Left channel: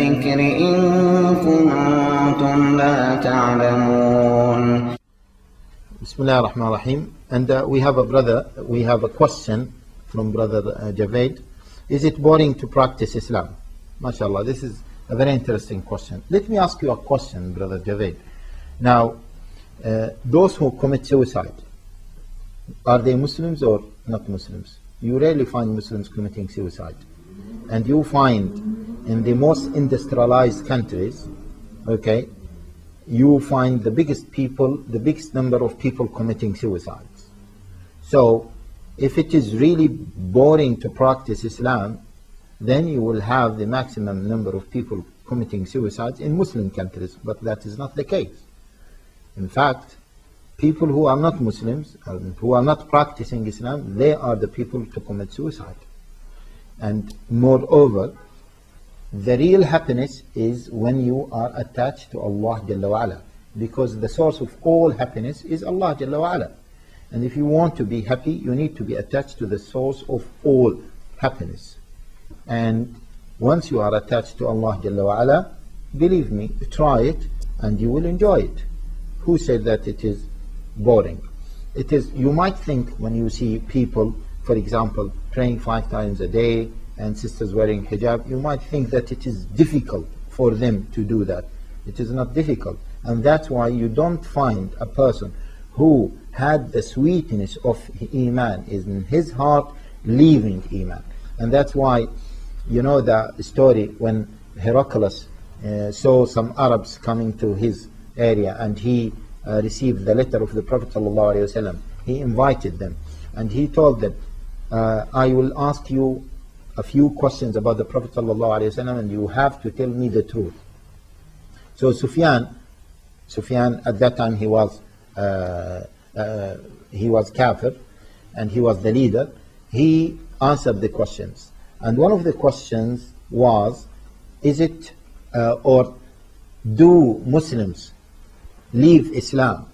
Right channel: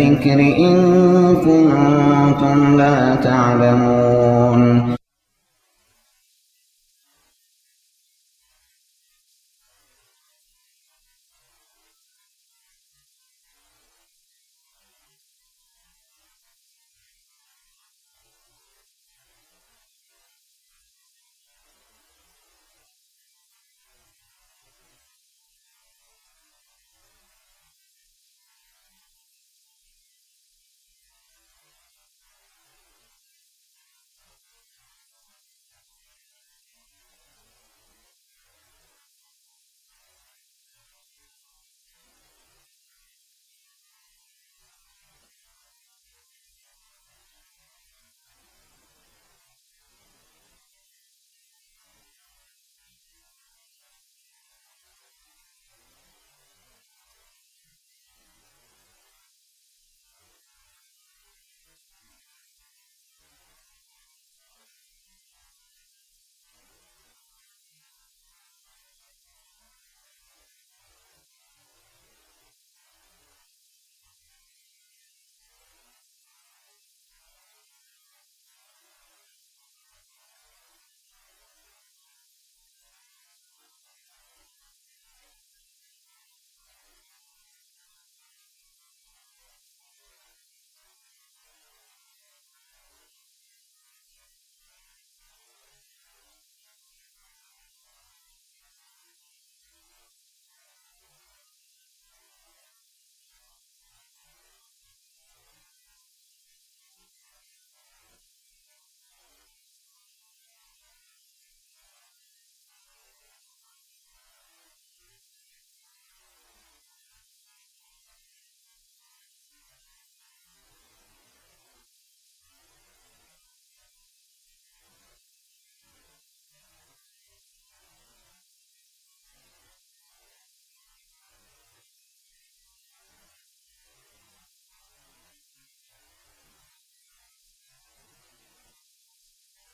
الذكر إن كنتم لا تعلمون. Bismillah ar-Rahman ar-Rahim. And we have a question from brother Javed. Is it boring to practice Islam? MashaAllah, this is a very interesting question. Let me ask you a question, brother Javed. Now, those who commit suicide, are they Muslims or not Muslims? You rarely find Muslims committing suicide. And you find in the most industrialized countries, okay, you find the biggest number of people committing suicides. So, if it is really boring to practice Islam, then you will have the maximum number of people committing suicides in Muslim countries, but that is not the case. In fact, people who are not Muslims, who are not practicing Islam, they are the people to commit suicide. And moreover, the real happiness is when you are attached to Allah Jalla wa'ala, because the source of all happiness is Allah Jalla wa'ala. And if you want to be happy, you need to be attached to the source of all happiness. And once you are attached to Allah Jalla wa'ala, believe me, try it and you will enjoy it. Who said that it is boring? It is. You might think when you see people, for example, praying 5 times a day and sisters wearing hijab, you might think that it is difficult for them to do that. It is not difficult. And that's why you don't find a person who had the sweetness of Iman is in his heart leaving Iman. And that's why, you know the story when Heraclius saw some Arabs coming to his area and he received the letter of the Prophet ﷺ. He invited them and he told them, I will ask you a few questions about the Prophet ﷺ and you have to tell me the truth. So Sufyan at that time he was kafir and he was the leader. He answered the questions. And one of the questions was, is it or do Muslims leave Islam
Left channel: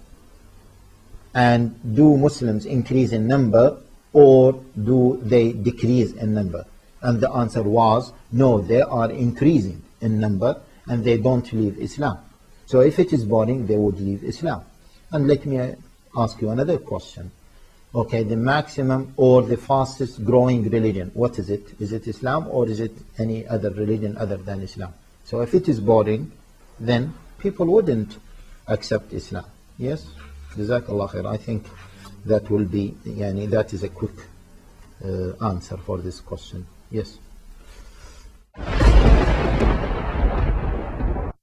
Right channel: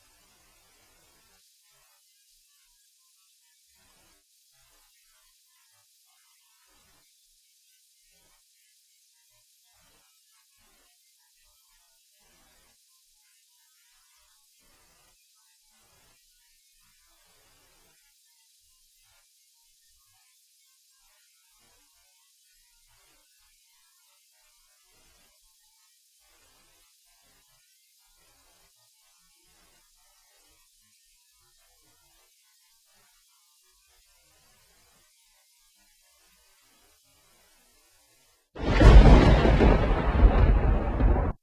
and do Muslims increase in number or do they decrease in number? And the answer was, no, they are increasing in number and they don't leave Islam. So if it is boring, they would leave Islam. And let me ask you another question. Okay, the maximum or the fastest growing religion, what is it? Is it Islam or is it any other religion other than Islam? So if it is boring, then people wouldn't accept Islam. Yes? Jazakallah khair. I think that will be, that is a quick answer for this question. Yes.